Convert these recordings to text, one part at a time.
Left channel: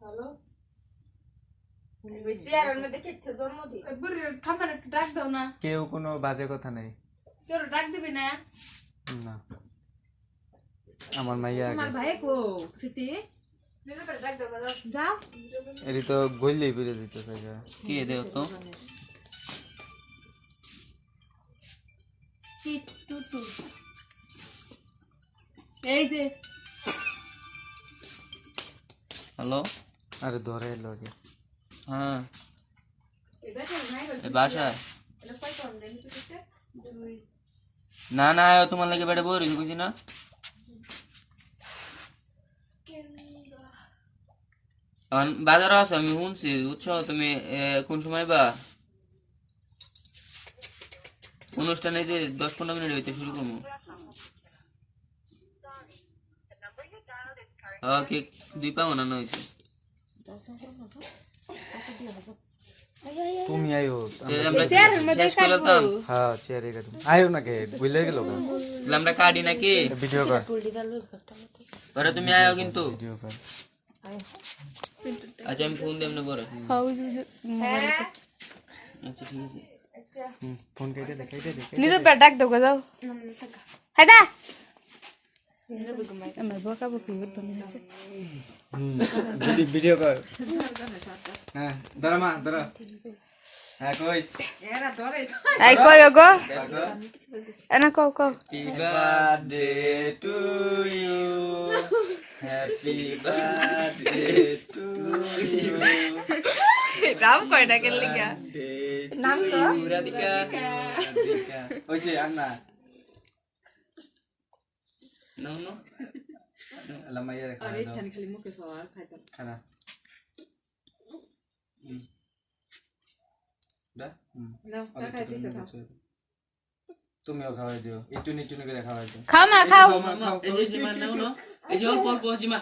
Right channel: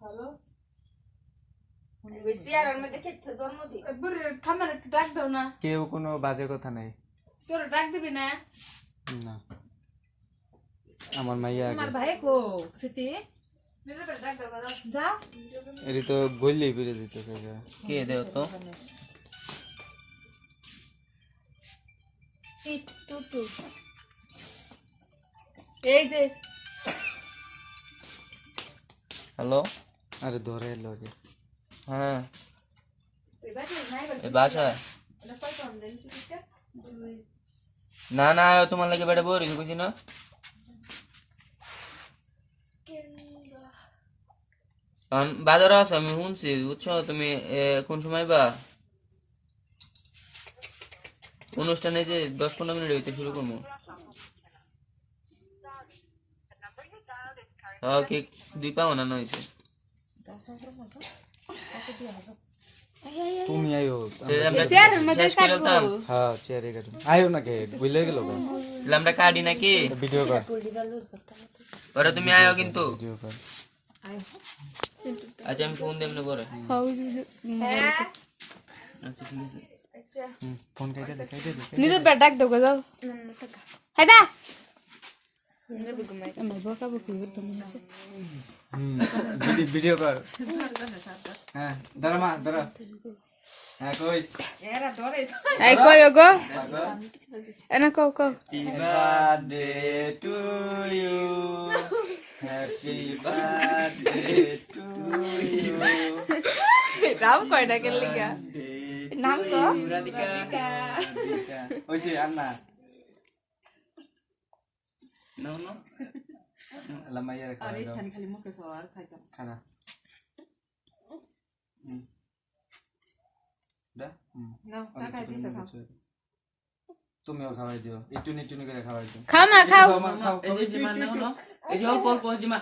hello বেশি আর মধ্যে খেতে জন্মদিন ঠান্ডা একটু ডাক দাও না কেউ কোনো বাজে কথা নাই তোর ডাক দিবি না না আমার মাইয়া আগে আমার ভাই কো সিটি ডাক দাও যা এরি তো গইলেই বেরে যেতেছে কি দেও তো টু এই যে হ্যালো আরে ধরে এলো আগে হ্যাঁ এই বাসা এটা কত আমরা নিতে দিতে না না তোমার লাগে বেটা বোরিং বুঝি না বাজার আছে আমি শুনছি বুঝছো তুমি কোন সময় বা অনুষ্ঠানে যে 10-15 মিনিট হইতে শুরু করবো কি 2 পাও না হইছে তুমি আইও আমরা শেষ করে দাম হ্যাঁ চেয়ারে কাটুম আইও না কে বুঝলে গেল আমরা কাটি নাকি ভিডিও কর পরে তুমি আয়ো কিন্তু ভিডিও কর আচ্ছা আমি ফোন দেব না পরে আচ্ছা ঠিক আছে ফোন কেটে দে নিরু ডাক দাও যাও হায়দা আমার বকা বকি হতো না ভিডিও কর হ্যাঁ ধরো মা ধরো হ্যাঁ কইস এই কই গো এনা কও কও happy birthday to you happy birthday to you Ram কই না কেন লিগা নাম তো রাধিকা ওইছে আর না নো নো আল্লাহ মাইয়া রে আরে খালি মুখে সওয়ার খাইতাম খানা দা নাও খাই দিছে খাও তুমিও খাওয়াই দিও একটু নিটু করে খাওয়াই দিও খাও মা খাও এই যে জিমা নাও নো এই যে অল্প অল্প জিমা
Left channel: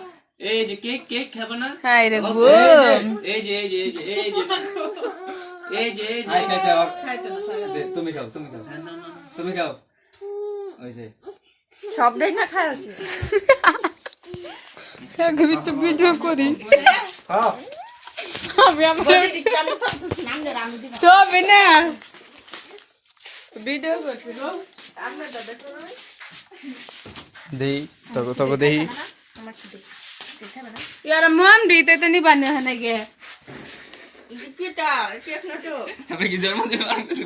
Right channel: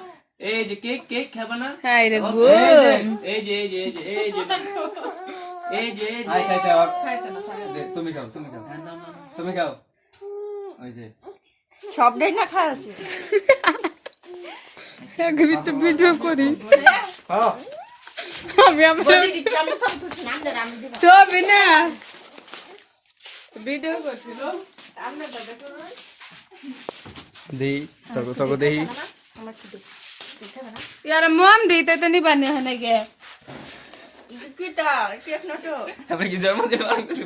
এই যে কেক খাবে না হাই রে গো এই যে আচ্ছা আচ্ছা তুমি খাও তুমি খাও ওই যে সব দেখ না খায় আছে আগে একটু ভিডিও করি খাও আমি আমরা বলি দিচ্ছি আমি সব কিছু নামলে আমি দিব তো বিনা ভিডিও করছি গো আমরা দাদা করো দেই তগো দেই আমার কি দিব দেখাবে না यार मम দিতে তো নি বানিয়ে হনে গে কিটা কেক না তো আমরা কি জন্মদিন আর কিছু